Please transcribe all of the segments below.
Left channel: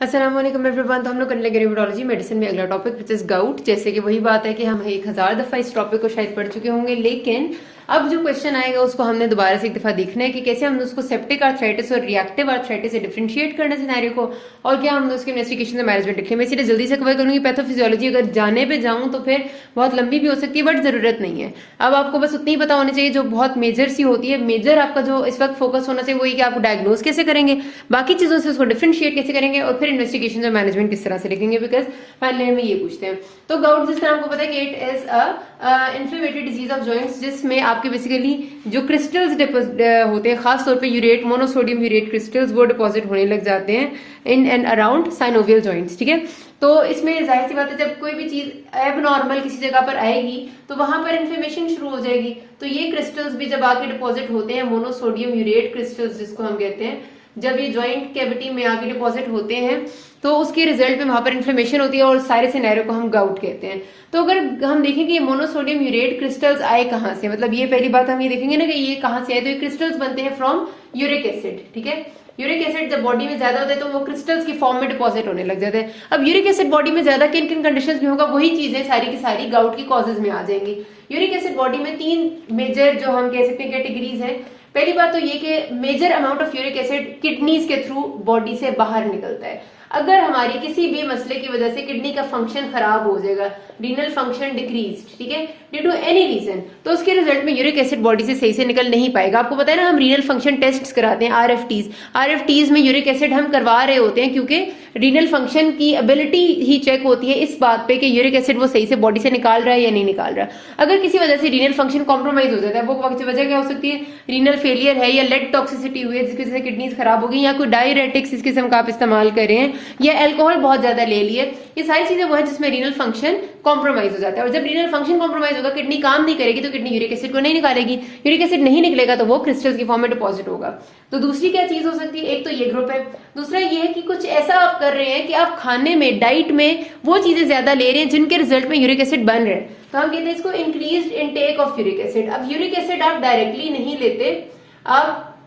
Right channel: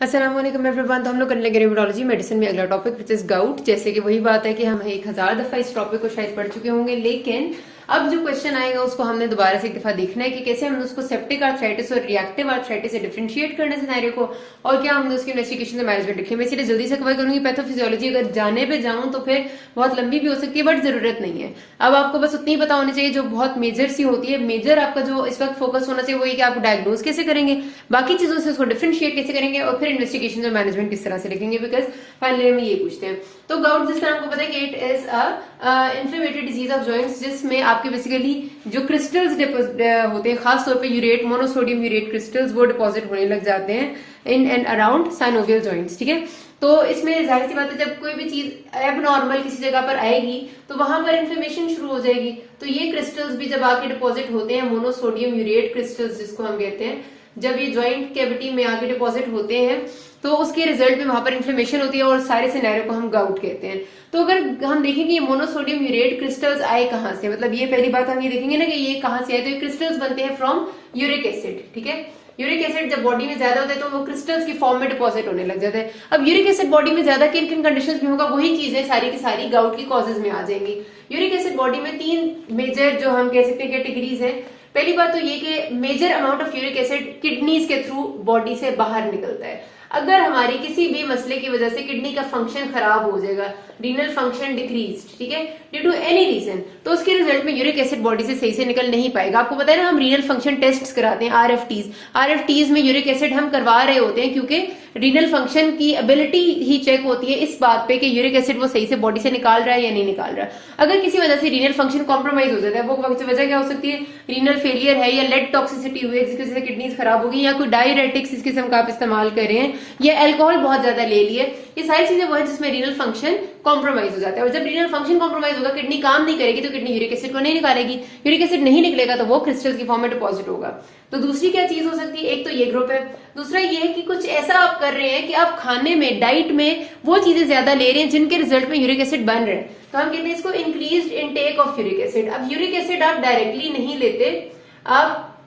अस्सलाम वालेकुम एवरीवन। तो हम लोग करने लगे न्यूरोलॉजी मेडिसिन में अगला टॉपिक विच इज गाउट। जैसे कि वही बात है कि हम 1000 दफा इस टॉपिक को शायद पढ़ चुके होंगे, लेकिन अब जो क्वेश्चन आएगा उसको हमने दोबारा से एक दफा देखना है कि कैसे हमने उसको सेप्टिक आर्थराइटिस और रिएक्टिव आर्थराइटिस से डिफरेंशिएट करना सिनेरियो को, और क्या हमने उसकी इन्वेस्टिगेशन से मैनेजमेंट लिखी है। मैं इसीलिए जल्दी से कवर करूंगी। पैथोफिजियोलॉजी अगर जाने पे जाऊं तो फिर बहुत लंबी भी हो सकती है, बट जरूरत नहीं है। अब आपको बस उतनी ही पता होनी चाहिए जो बहुत मेजर सी होती है। मेजर आपका जो इस वक्त फोकस होना चाहिए वो ये कि आप डायग्नोज कैसे करेंगे, बाकी चीजों से उसको डिफरेंशिएट कैसे करेंगे, और फिर इन्वेस्टिगेशन और मैनेजमेंट किस तरह से लिखेंगे, बिकॉज फाइनली हमें ये पूछते हैं। तो गाउट जिस तरह आपको पता है कि it is inflammatory disease of joints, जिसमें आपके बेसिकली जो क्रिस्टल्स होते हैं, खासतौर पे यूरेट, मोनोसोडियम यूरेट क्रिस्टल्स, वो डिपॉजिट होने लग जाते हैं in and around synovial joints. ठीक है, तो इसमें जाहिर सी बात है जब कोई भी चीज एबनॉर्मल किसी जगह पर आएगी तो वहां पर इन्फ्लेमेशन शुरू हो जाएगी। तो ये क्रिस्टल्स भी जब आके डिपॉजिट होते हैं, मोनोसोडियम यूरेट क्रिस्टल्स जिसको हम कहते हैं, जब ये ज्वाइंट कैविटी में आके डिपॉजिट होते हैं तो उसके रिजल्ट में वहां पर इन्फ्लेमेशन होती है, और सारे सिनेरियो को हम गाउट कहते हैं। तो अगर हम देखें कि ये मोनोसोडियम यूरेट क्रिस्टल्स आए कहां से, मतलब ये पहली बात हम ये देखेंगे ना कि ये कहां से आए, तो ये क्रिस्टल्स बनते हैं फ्रॉम यूरिक एसिड। ठीक है, यूरिक एसिड जब बॉडी में ज्यादा होता है तो वो क्रिस्टल्स की फॉर्म में डिपॉजिट होने लग जाते हैं। अब यूरिक एसिड बॉडी में ज्यादा किन किन कंडीशंस में होगा, वही चीजें सारी की सारी गाउट की कॉजेज में आ जाएंगी। यूरिक एसिड बॉडी में 3 मेजर जो हम कह सकते हैं कैटेगरीज हैं। पहली बात तो ये कि major amount of uric acid kidneys के थ्रू बॉडी से बाहर निकलता है। अगर हमारी किसी भी मसले की वजह से किडनी का फंक्शन खराब हो जाएगा, रीनल फंक्शन डिक्रीज, ठीक है, ड्यू टू एनी रीजन, तो उसके रिजल्ट में यूरिक एसिड बॉडी से सही से निकल नहीं पाएगा। आपको पता है ना, हम रीनल फंक्शन टेस्ट कराते हैं, आरएफटीज में यूरिक एसिड हम करवा रहे होते हैं क्योंकि रीनल फंक्शन की एबिलिटी ही चेक होती है इस बात पे कि यूरिक एसिड वो सही से बॉडी से निकाल रहा है या नहीं निकाल रहा। अगर किसी वजह से रीनल फंक्शन कॉम्प्रोमाइज हो जाता है, वो वजह क्या हो सकती है, रीनल फेलियर है, या लेड टॉक्सिसिटी हुई है जिसकी वजह से किडनीज खराब हो गई, या कोई डायरेटिक्स इस किस्म का आप इस्तेमाल कर रहे हैं, या एल्कोहल बहुत ज्यादा ले लिए, ये सारी चीजें वो है जिसमें रीनल फंक्शन कॉम्प्रोमाइज हो जाता है। और जब रीनल फंक्शन कॉम्प्रोमाइज होगा, किडनी काम नहीं करेगी तो किडनी यूरिक एसिड को नहीं निकालेगी, यूरिक एसिड नहीं निकलेगा तो वो क्रिस्टल्स की फॉर्म में डिपॉजिट होगा। तो दूसरी क्या चीज हो सकती है, एक तो ये ग्रुप है, दूसरा ये है कि कुछ ऐसा आप कर रहे हैं कि आप खाने में, डाइट में वो चीजें ज्यादा ले रहे हैं जिनके रिजल्ट में यूरिक एसिड बन रहे हैं, तो हम कहते हैं इसको increased intake of uric acid. अब यूरिक एसिड आप डायरेक्टली नहीं लेते, आप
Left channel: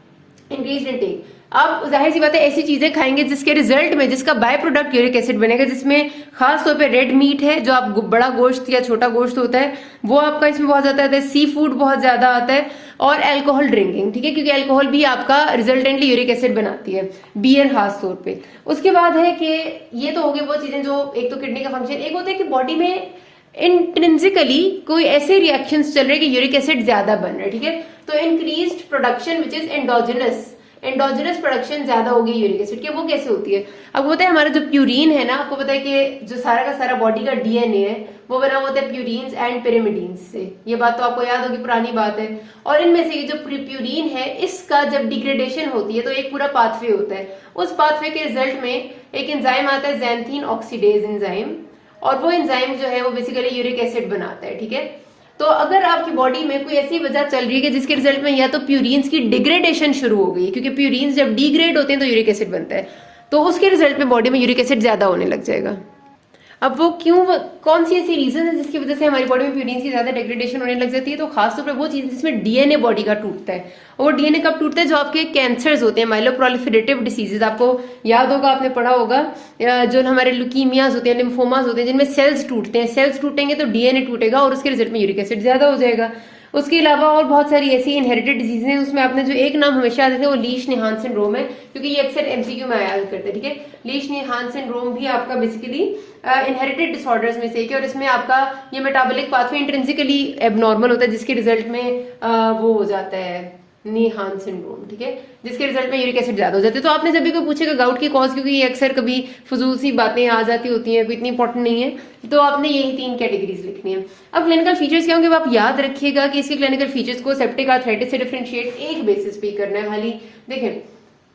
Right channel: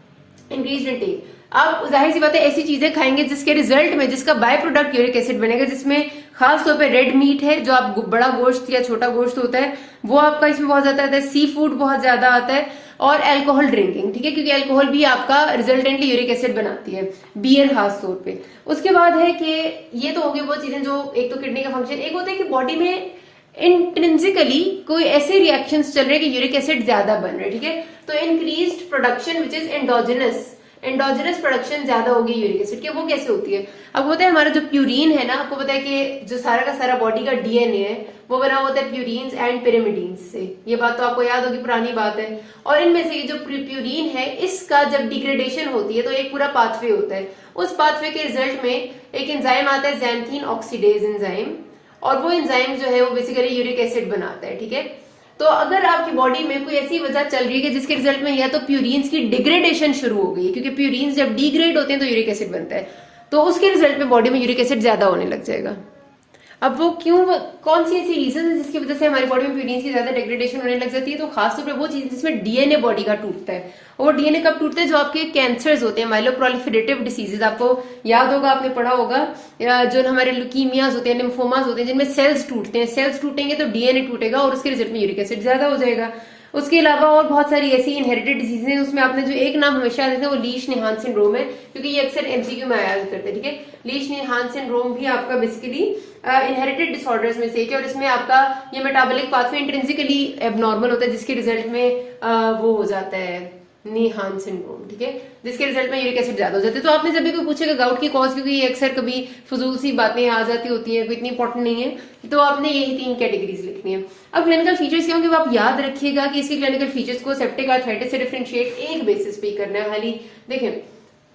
इंक्रीज्ड इनटेक, आप जाहिर सी बात है ऐसी चीजें खाएंगे जिसके रिजल्ट में, जिसका बाय प्रोडक्ट यूरिक एसिड बनेगा, जिसमें खास तौर पे रेड मीट है, जो आप बड़ा गोश्त या छोटा गोश्त होता है वो आपका इसमें बहुत ज्यादा आता है, सी फूड बहुत ज्यादा आता है, और अल्कोहल ड्रिंकिंग। ठीक है, क्योंकि अल्कोहल भी आपका रिजल्टेंटली यूरिक एसिड बनाती है, बियर खास तौर पे। उसके बाद है कि ये तो हो गई वो चीजें जो एक तो किडनी का फंक्शन, एक होता है कि बॉडी में इंट्रिंसिकली कोई ऐसे रिएक्शंस चल रहे कि यूरिक एसिड ज्यादा बन रहा है। ठीक है, तो increased production which is endogenous production ज्यादा होगी यूरिक एसिड की। वो कैसे होती है, अब होता है हमारा जो प्यूरिन है ना, आपको पता है कि जो सारा का सारा बॉडी का डीएनए है वो बना होता है प्यूरिन्स एंड पिरिमिडीन्स से, ये बात तो आपको याद होगी, पुरानी बात है। और इनमें से जो प्यूरिन है इसका जब डिग्रेडेशन होती है तो एक पूरा पाथवे होता है, उस पाथवे के रिजल्ट में एक एंजाइम आता है ज़ैंथीन ऑक्सीडेज एंजाइम, और वो एंजाइम जो है वो बेसिकली यूरिक एसिड बनाता है। ठीक है, तो अगर आपकी बॉडी में कोई ऐसी वजह चल रही है कि जिसके रिजल्ट में या तो प्यूरिन्स की डिग्रेडेशन शुरू हो गई, क्योंकि प्यूरिन्स जब डिग्रेड होते हैं तो यूरिक एसिड बनता है, तो उसके रिजल्ट में बॉडी में यूरिक एसिड ज्यादा होने लग जाएगा। अब वो क्यों, कौन सी ऐसी रीजन है जिसकी वजह से हमारी बॉडी में प्यूरिन्स की ज्यादा डिग्रेडेशन होने लग जाती है, तो खासतौर पर वो चीज जिसमें डीएनए बॉडी का टूटता है। और वो डीएनए कब टूटता है, जो आपके कैंसर्स होते हैं, माइलोप्रोलिफरेटिव डिसीजेज, आपको याद होगा, आपने पढ़ा होगा, जो हमारे ल्यूकीमियाज होते हैं, लिम्फोमाज होते हैं, जिनमें सेल्स टूटते हैं, सेल्स टूटेंगे तो डीएनए टूटेगा और उसके रिजल्ट में यूरिक एसिड ज्यादा हो जाएगा। उसके अलावा और बहुत सारी ऐसी इनहेरिटेड डिजीज हैं, उसमें आपने जो एक नाम हमेशा आते थे वो लीश निहान सिंड्रोम है, क्योंकि ये अक्सर एमसीक्यू में आया करते हैं। ठीक है, लीश निहान सिंड्रोम भी आपका बेसिकली इनहेरिटेड डिसऑर्डर्स में से एक है, और इसमें आपका ये मेटाबॉलिक पाथवे इंट्रिंसिकली एबनॉर्मल होता है, जिसके रिजल्ट में वो हो जाता है निहान सिंड्रोम। ठीक है, जिसके रिजल्ट में यूरिक एसिड ज्यादा हो जाता है। तो आपने जब भी कोई पूछेगा गाउट की कॉज, क्योंकि ये अक्सर कभी फजूल सी बातें आ जाती होती हैं, कोई इतनी इंपॉर्टेंट नहीं है, तो आपने यही 3 कैटेगरीज लिखनी है। अब क्लिनिकल फीचर्स क्या होंगे, वो आप याद रखिएगा कि इसके क्लिनिकल फीचर्स को सेप्टिक आर्थराइटिस से डिफरेंशिएट एक बेसिस पे करना है खाली। देखें,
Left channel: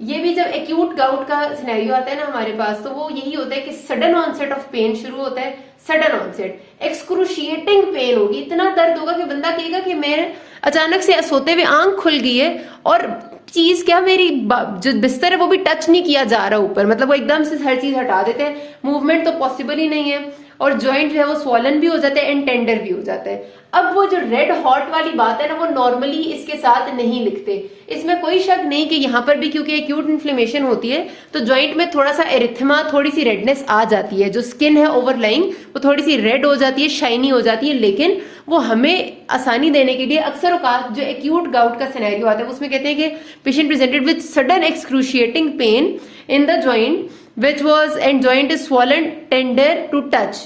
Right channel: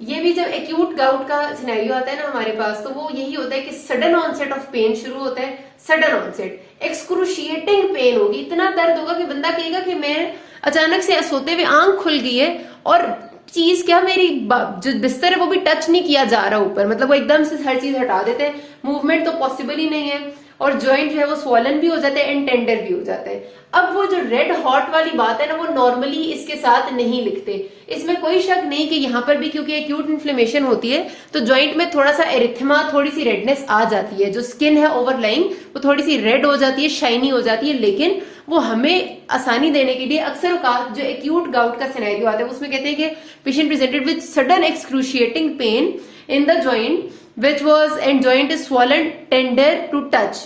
ये भी जब एक्यूट गाउट का सिनेरियो आता है ना हमारे पास, तो वो यही होता है कि सडन ऑनसेट ऑफ पेन शुरू होता है, सडन ऑनसेट, एक्सक्रूशिएटिंग पेन होगी, इतना दर्द होगा कि बंदा कहेगा कि मेरे अचानक से सोते हुए आंख खुल गई है और चीज क्या, मेरी जो बिस्तर है वो भी टच नहीं किया जा रहा ऊपर, मतलब वो एकदम से हर चीज हटा देते हैं, मूवमेंट तो पॉसिबल ही नहीं है, और जॉइंट जो है वो स्वॉलन भी हो जाता है एंड टेंडर भी हो जाता है। अब वो जो रेड हॉट वाली बात है ना, वो नॉर्मली इसके साथ नहीं लिखते, इसमें कोई शक नहीं कि यहाँ पर भी क्योंकि एक्यूट इन्फ्लेमेशन होती है तो ज्वाइंट में थोड़ा सा एरिथमा, थोड़ी सी रेडनेस आ जाती है, जो स्किन है ओवरलाइंग वो थोड़ी सी रेड हो जाती है, शाइनी हो जाती है, लेकिन वो हमें आसानी देने के लिए अक्सर औकात जो एक्यूट गाउट का सिनेरियो आता है उसमें कहते हैं कि patient presented with sudden excruciating pain in the joint which was and joint is swollen tender to touch,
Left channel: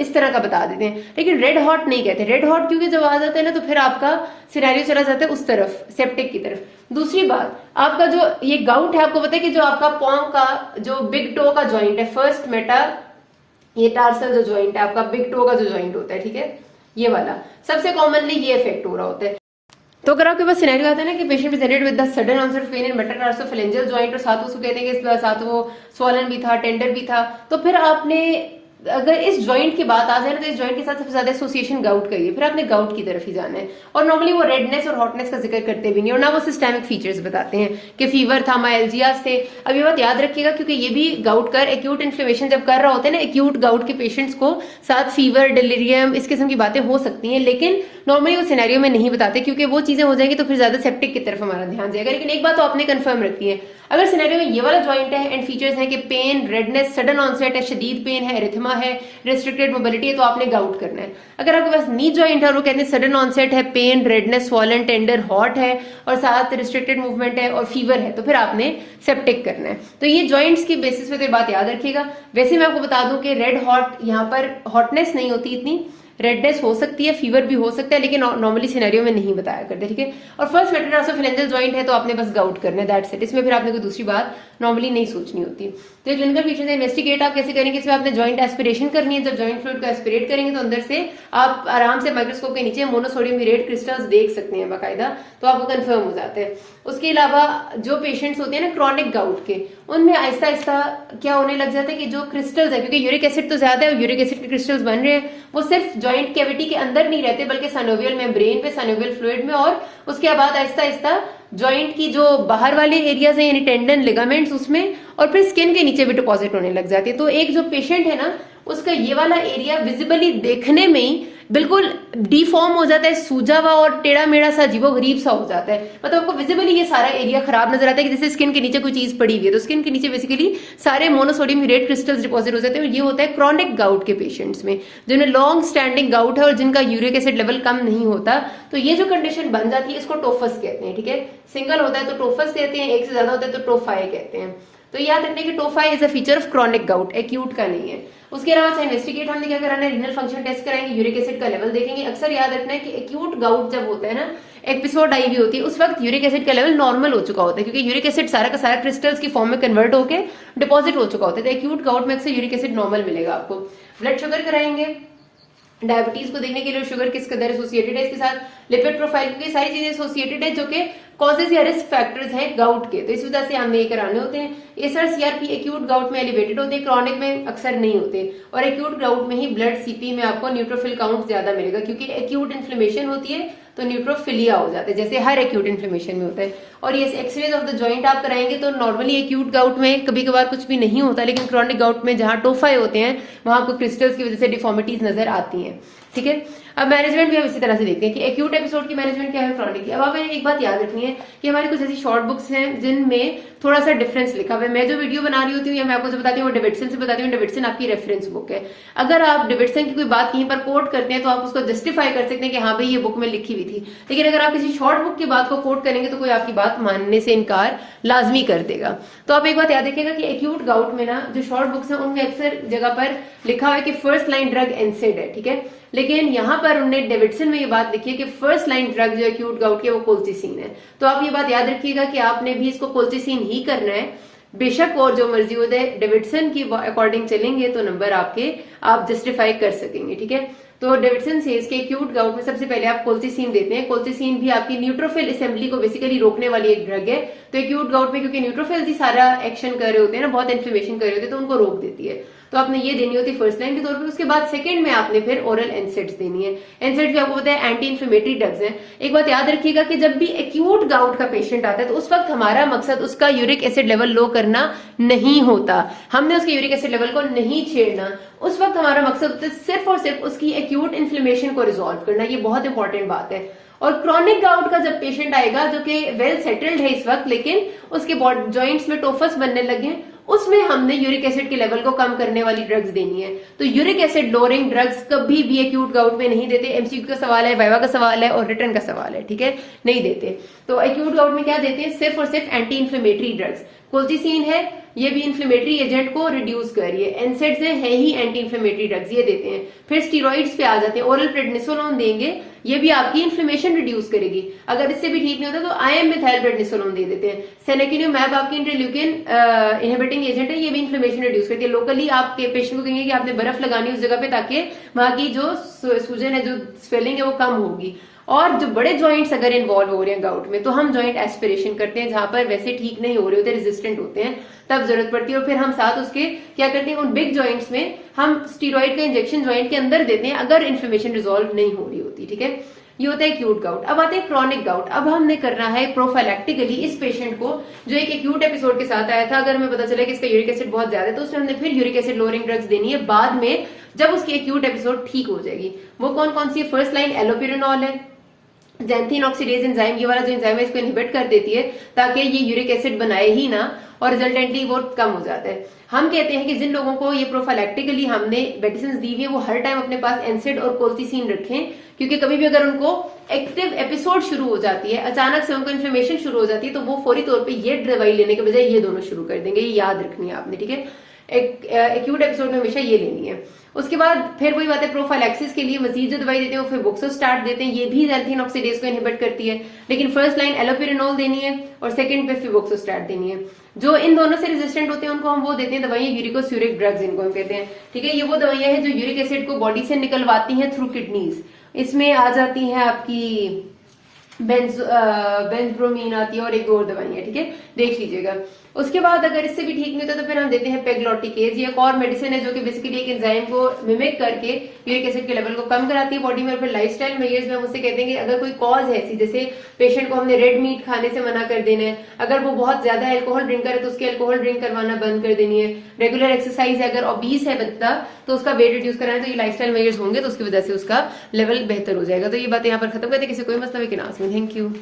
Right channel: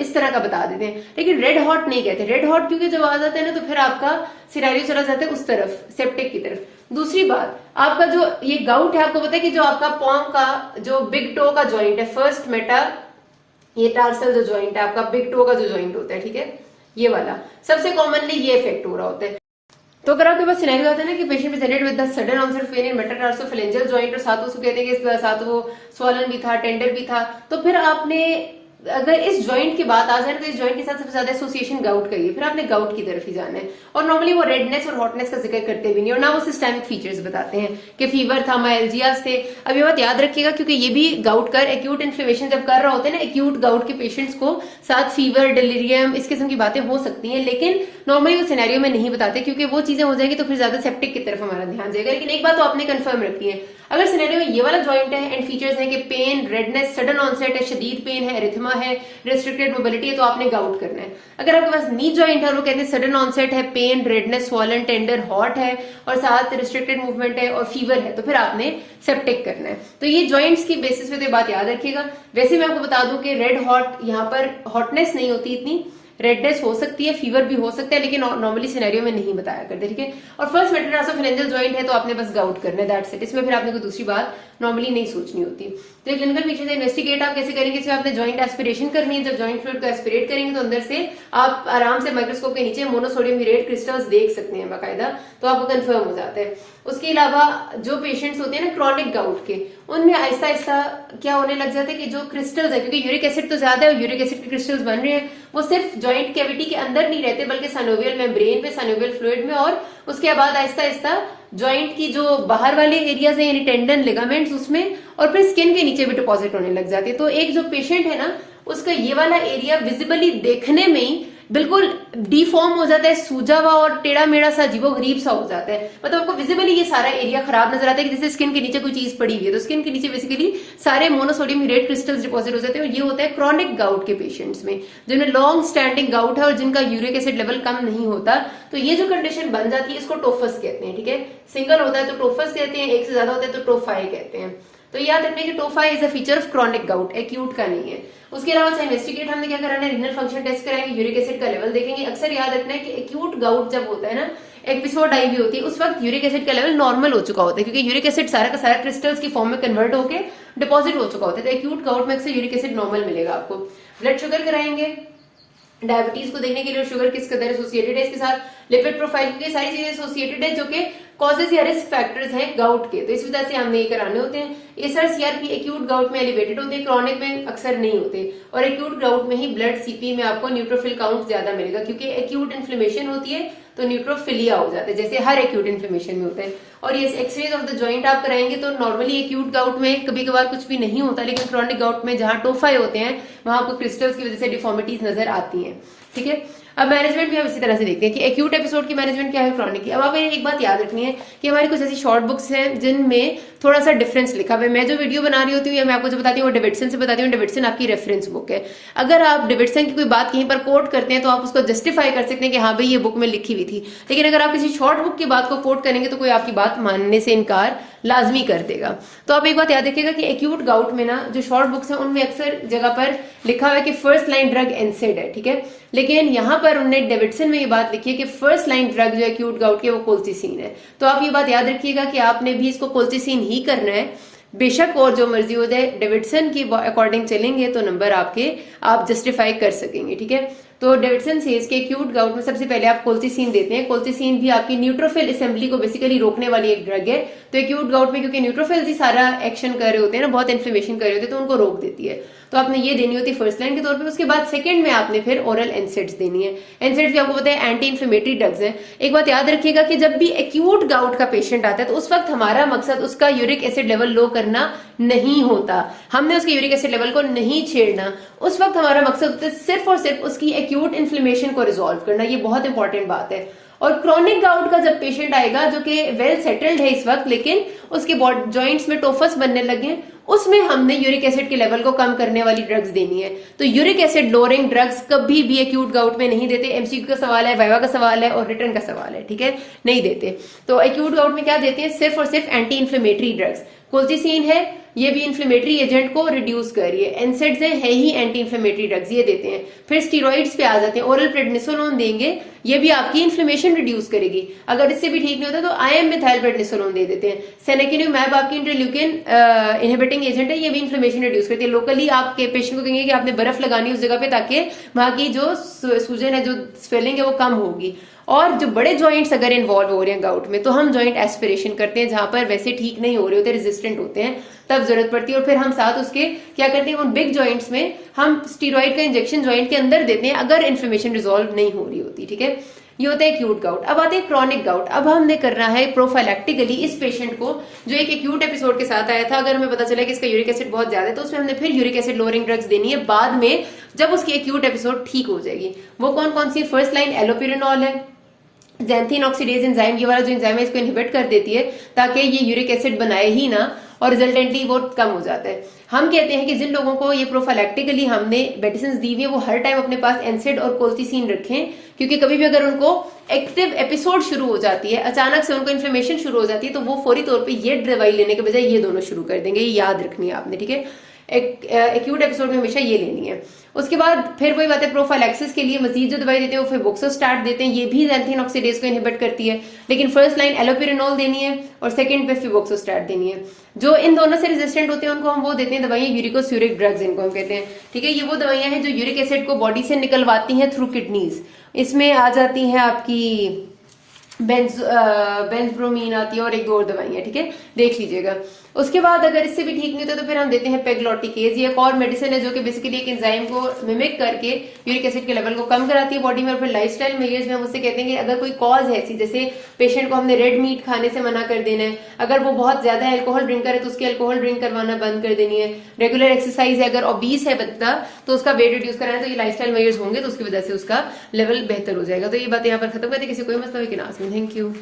इस तरह का बता देते हैं, लेकिन रेड हॉट नहीं कहते। रेड हॉट क्योंकि जब आ जाता है ना तो फिर आपका सिनेरियो चला जाता है उस तरफ, सेप्टिक की तरफ। दूसरी बात, आपका जो ये गाउट है, आपको पता है कि जो आपका पॉम का जो बिग टो का ज्वाइंट है, फर्स्ट मेटा ये टार्सल जो ज्वाइंट है आपका, बिग टो का जो ज्वाइंट होता है, ठीक है, ये वाला सबसे कॉमनली ये इफेक्ट हो रहा होता है। तो अगर आपके पास सिनेरियो आता है ना कि patient presented with the sudden onset of pain in metatarsophalangeal joint और साथ उसको कहते हैं कि साथ वो स्वॉलन भी था, टेंडर भी था, तो फिर आपने अगर इस ज्वाइंट की बात आ जाए तो इस ज्वाइंट के साथ सबसे ज्यादा एसोसिएशन गाउट का ही है, फिर आपने गाउट की तरफ ही जाना है। और नॉर्मली वो रेडनेस और हॉटनेस का जिक्र करते भी नहीं और ना वो सिस्टेमिक फीचर्स बताते हैं कि फीवर था, माइल्जियास थे। अब ये बात याद रखिएगा क्योंकि ये भी गाउट कर एक्यूट इन्फ्लेमेशन जब कर रहा होता है ना एक्यूट गाउट के पेशेंट्स को, साथ फीवर, डिलीरियम, इस किस्म की बातें हो सकती हैं, लेकिन नॉर्मली वो सिनेरियो में नहीं बताते क्योंकि वो चीजें हो जाएगी तो फिर ज्यादा सेप्टिक की तरफ हमारा ध्यान जाएगा। लेकिन एक बात तो आपने कंफर्म रखी है, अगर सिनेरियो में ये वाला ज्वाइंट है एंड फीचर्स है कि पेन, रेडनेस, सडन ऑनसेट है, शदीद पेन है, एरिथमा है, रेस्ट्रिक्टेड मोबिलिटी है, तो आपने गाउट करना है। अगर आपके पास नी ज्वाइंट है और वो कहते हैं सडन ऑनसेट है, pain, redness, swollen, tender, hot है और साथ रिस्ट्रिक्टेड मूवमेंट है और फीवर है, तो फिर आपने सेप्टिक करना है। तो ये ज्वाइंट्स की बेसिस पे तो बात याद रखिएगा। वैसे मैं आपको बता दूं कि रेड हॉट यहाँ पर हॉटनेस नहीं होती इतनी, रेडनेस हो सकती है, फीवर भी हो सकता है, लेकिन नॉर्मली सिनेरियो में नहीं बताया करते, ठीक है। और फर्स्ट मेटाटार्सोफेरेंजियल जॉइंट है तो आपने बस गाउट करना है, दैट्स इट। इसमें फिर आपने कोई दूसरी बात नॉर्मली नहीं सोचनी होती। तो ये क्लिनिकल फीचर्स इन्वेस्टिगेट आप कैसे करेंगे, इसमें आपने जॉइंट एस्पिरेशन करनी है। जब जॉइंट फ्लूइड को एस्पिरेट करेंगे तो अंदर से आप आराम से माइक्रोस्कोप के नीचे मोनोसोडियम यूरेट क्रिस्टल्स देख सकते हैं बाकायदा, तो आपको कंफर्म हो जाता है। उसके अलावा जो पेशेंट्स होते हैं ना क्रॉनिक गाउट के, उनमें आहिस्ता आहिस्ता क्या होने लग जाता है कि जो क्रिस्टल्स है, क्योंकि यूरिक एसिड तो ज्यादा है और यूरिक एसिड के क्रिस्टल्स बन रहे हैं, वो सिर्फ जॉइंट कैविटी के अंदर नहीं रहते बल्कि साइनोवियल मेम्ब्रेन पे, साइनोवियल फ्लूइड में, और उसके बाद आहिस्ता आहिस्ता जॉइंट की जो बाहर वाले एरियाज हैं यानी टेंडन, लिगामेंट्स, उसमें और फिर स्किन के नीचे भी डिपॉजिट होने लग जाती है। तो एक जो पेशेंट है ना उसका ये वाला एरिया विजिबली देखने में ही बिल्कुल डिफॉर्म हो जाता है, सूजा हुआ और टेढ़ा मेढ़ा सा अजीबो गरीब सा हो जाता है। मतलब आपको विजिबली ये सारा एरिया खराब नजर आता है कि जैसे स्किन के नीचे कोई चीज पड़ी हुई है। तो स्किन के नीचे बेसिकली सारे मोनोसोडियम यूरेट क्रिस्टल्स डिपॉजिट हो जाते हैं और ये होता है क्रॉनिक गाउट के पेशेंट्स में, जिन्हें लॉन्ग स्टैंडिंग गाउट है और जिनका यूरिक एसिड लेवल कम नहीं होता। तो ये जो कंडीशन बन जाती है इसको टोफस कहते हैं, ठीक है। सिंगल होता है तो टोफस कहते हैं, एक से ज्यादा होता है तो टोफाई कहते हैं। तो याद रखिए कि tophi is a feature of chronic gout, acute का नहीं है। उसके अलावा इन्वेस्टिगेट हमने क्या कराना है, रीनल फंक्शन टेस्ट कराएंगे, यूरिक एसिड का लेवल देखेंगे। अक्सर याद रखना है कि एक्यूट गाउट जब होता है ना, एपिसोड आई भी होती है, उस वक्त यूरिक एसिड का लेवल नॉर्मल हो चुका होता है क्योंकि यूरिक एसिड सारा का सारा क्रिस्टल्स की फॉर्म में कन्वर्ट होकर डिपॉजिट हो चुका होता है। तो एक्यूट गाउट में अक्सर यूरिक एसिड नॉर्मल मिलेगा आपको। ब्लड शुगर कराएंगे, डायबिटीज को देखने के लिए शुगर किस कदर एसोसिएटेड है इसके साथ, लिपिड प्रोफाइल, क्योंकि सारी चीजें एसोसिएटेड है जो कि कॉजेज या रिस्क फैक्टर्स हैं गाउट के, तो इस वजह से हमें ये कराने होते हैं। एसआर सीआरपी एक्यूट गाउट में एलिवेटेड होते हैं, क्रॉनिक में अक्सर नहीं होते, और एक्यूट गाउट में ही ब्लड सीपी में आपको न्यूट्रोफिल काउंट ज्यादा मिलेगा क्योंकि एक्यूट इन्फ्लेमेशन होती है तो न्यूट्रोफिलिया हो जाता है, जैसे हर एक्यूट इन्फ्लेमेशन में होता है। और ये एक्सरेज ऑफ द जॉइंट आप कराएंगे तो नॉर्मली एक्यूट गाउट में कभी कभार कुछ भी नहीं होता, लेकिन क्रॉनिक गाउट में जहां टोफाई होते हैं वहां आपको क्रिस्टल्स की वजह से डिफॉर्मिटीज नजर आती हैं, ठीक है। अब मैनेजमेंट भी हम इसी तरह से देखते हैं कि एक्यूट एपिसोड की मैनेजमेंट क्या है, क्रॉनिक की। अब हमें एक बात याद रखनी है कि हमारी कुछ ऐसी शॉर्ट बुक्स हैं जिनमें थोड़ा सा डिफरेंस लिखा हुआ है। मैं जो वीडियो बना रही होती हूँ या मैं आपको जो बताती हूँ वो डेविडसन से बताती हूँ, डेविडसन आपकी रेफरेंस बुक है। अगर आप डेविडसन की कोई बात कहीं पर कोट करते हैं तो आप उसको जस्टिफाई कर सकते हैं कि हाँ भाई ये बुक में लिखी हुई थी, लेकिन अगर आप किसी शॉर्ट बुक की बात को कोट करेंगे तो कोई आपकी बात मानने से इनकार लाजमी कर देगा। तो आप एक बात याद रखिएगा कि एक्यूट गाउट में ना जो शॉर्ट बुक्स हैं उनमें अक्सर जगह पर लिखा हुआ है कि फर्स्ट लाइन ड्रग एनसेड है, ठीक है, लेकिन यहाँ पर उन्होंने डेविडसन में ये बात लिखी है कि फर्स्ट लाइन ड्रग जो एक्यूट गाउट की है वो कोल्चिसिन है। तो आप ये बात याद रखिएगा कि आपने भी इसको कोल्चिसिन ही करना है, बेशक और जो मर्जी हो जाए। डेविडसन की अकॉर्डिंग चलेंगे तो नंबर आपके आप जस्टिफाई कर सकेंगे, ठीक है। तो डेविडसन सेज के एक्यूट गाउट में सबसे पहले आप कोल्चिसिन देते हैं। कोल्चिसिन भी आपकी न्यूट्रोफिल असेंबली को बेसिकली रोकने वाली एक ड्रग है। तो एक्यूट गाउट में क्योंकि न्यूट्रोफिल्स ही सारा एक्शन कर रहे होते हैं ना, बहुत इन्फ्लेमेशन कर रहे होते हैं, तो उनको रोक देती है। तो आपने ये देनी होती है फर्स्ट लाइन के तौर पे। उसके बाद सेकंड में आपने फिर ओरल एनसेड्स देनी है। एनसेड्स भी आपको पता है एंटी इन्फ्लेमेटरी ड्रग्स हैं। एक बात याद रखिएगा कि जब भी एक्यूट गाउट का पेशेंट आता है तो उस वक्त हमारा मकसद उसका यूरिक एसिड लेवल लो करना नहीं होता, हमने उसके यूरिक एसिड लेवल को नहीं छेड़ना। उस वक्त हमारा मकसद होता है सिर्फ और सिर्फ उसकी एक्यूट इन्फ्लेमेशन को रिजॉल्व करना। ये बहुत इंपॉर्टेंट बात है। और क्रॉनिक गाउट का जब पेशेंट आएगा जो कि वेल सेटल्ड है इस वक्त, लेकिन उसके जॉइंट्स में टोफस बनने लगे, उसमें हमने यूरिक एसिड के लेवल को कम करने वाली ड्रग्स देनी है। तो यूरिक एसिड लोअरिंग ड्रग्स कभी भी एक्यूट गाउट में नहीं देते। एमसीक्यू का सवाल है, वाइवा का सवाल है और रिटर्न का सवाल है, ठीक है, नहीं देते। तो एक्यूट गाउट में क्या देते हैं, सिर्फ और सिर्फ एंटी इन्फ्लेमेटरी ड्रग्स। कोल्चिसिन है, ये भी इन्फ्लेमेटरी एजेंट को रिड्यूस कर रही है। एनसेड्स है ही एंटी इन्फ्लेमेटरी ड्रग्स, ये देते हैं। फिर स्टीरॉइड्स पे आ जाते हैं, ओरल प्रेडनिसोलोन देंगे, ये भी आपकी इन्फ्लेमेशन रिड्यूस करेगी। अगर इससे भी ठीक नहीं होता तो आईएम मिथाइल प्रेडनिसोलोन दे देते हैं। सेलेक्टिनिवमैब आपकी इंटरल्यूकिन इनहिबिटिंग एजेंट है, ये भी इन्फ्लेमेशन रिड्यूस करती है। लोकली आपके पेशेंट को कहेंगे कि आपने बर्फ लगानी उस जगह पे, ताकि वहां की जो सूजन है, जो स्वेलिंग है, वो कम होगी। और जो बड़े जॉइंट्स अगर इन्वॉल्व हो रहे हैं गाउट में, तो हम जॉइंट एस्पिरेशन करते हैं, जहां पर वैसे ठीक नहीं हो रहे होते, रेजिस्टेंट होते हैं, तब जरूरत पड़ती है। और फिर हम साथ उसके क्या करते हैं, उन बिग जॉइंट्स में हम स्टीरॉइड का इंजेक्शन जॉइंट के अंदर देते हैं, अगर इन्फ्लेमेशन रिजॉल्व नहीं हो रही होती, ठीक है। ये होता है एक्यूट गाउट। अब आते हैं क्रॉनिक गाउट। अब हमने करना है प्रोफाइलैक्टिकली इस पेशेंट को, जो एक एक्यूट एपिसोड के साथ आया था, अगर हमें पता चला कि इसका यूरिक एसिड बहुत ज्यादा है, तो उसमें हमने फिर यूरिक एसिड लोअरिंग ड्रग्स देनी है बाद में, जब उसकी एक्यूट एपिसोड ठीक हो जाएगी। वो कौन कौन सी? फर्स्ट लाइन एलोपिरेनॉल है, ज़ैंथीन ऑक्सीडेज एंजाइम, ये वाला जो एंजाइम है इसको इनहिबिट कर देती है ताकि ये यूरिक एसिड बनाए ही ना, और रिजल्टेंटली वो कम हो जाता है। हम कहते हैं कि जिन लोगों को ये प्रोफाइलैक्टिकली हमने मेडिसिन दी हुई है, वो हर टाइम अपने पास एनसेड और कोल्चिसिन रखें, क्योंकि कभी भी अगर उनको एक्टिव एपिसोड शुरू हो जाती है, अचानक से उनको इन्फ्लेमेशन शुरू हो जाती है, तो वो फौरी तौर पे ये दवाई लेने के बजाय ये दोनों शुरू कर देंगे। ये याद रखनी है आपने, ठीक है। एक्यूट एपिसोड में हमेशा ये लेनी है। उसके बाद फिर वही बात है, प्रोफाइलैक्सिस के लिए मजीद जो दवाई देते हैं वो फिबोक्सोस्टैट देते हैं, ये भी ज़ैंथीन ऑक्सीडेज को इनहिबिट करती है, लेकिन फर्स्ट लाइन एलोपिरेनॉल देनी है और सेकंड पे फिबोक्सोस्टैट देनी है। जो इन दोनों से रेजिस्टेंट होते हैं उनको हम वो देते हैं दवाइयां, यूरिकोस्यूरिक ड्रग्स इनको हम कहते हैं, ठीक है। ये वो दवाइयां हैं जो यूरिक एसिड को बॉडी से निकलवाती हैं थ्रू किडनीज। इसमें आ जाती हैं आपकी बेंजब्रोमीन आती है और एक दो और दवाइयां, ठीक है, देख लीजिएगा। उसके बाद अगर इससे भी ठीक नहीं होता तो फिर हम देते हैं पेग्लोटिकेज। ये एक और मेडिसिन है जो कि बेसिकली एक एंजाइम को मिमिक करके यूरिक एसिड के लेवल को कम कराती है बॉडी में। और फिर लाइफस्टाइल मेजर्स में हम उससे कहते हैं कि अगर कोई कॉज है ऐसी, जैसे पेशेंट को हमने रेड मीट खाने से मना कर देना है, अगर वो बहुत ज्यादा अल्कोहल ड्रिंकर है तो उसकी अल्कोहल ड्रिंक करवाना बंद कर देनी है, रेगुलर एक्सरसाइज है, अगर ओबीस है बच्चा तो उसका वेट रिड्यूस करना है, तो ये लाइफस्टाइल मेजर्स होंगे, तो उसकी वजह से उसका लेवल बेहतर हो जाएगा। तो ये बात यहाँ पर खत्म करते हैं। किसी कोई मसला हो कि ना, थैंक यू।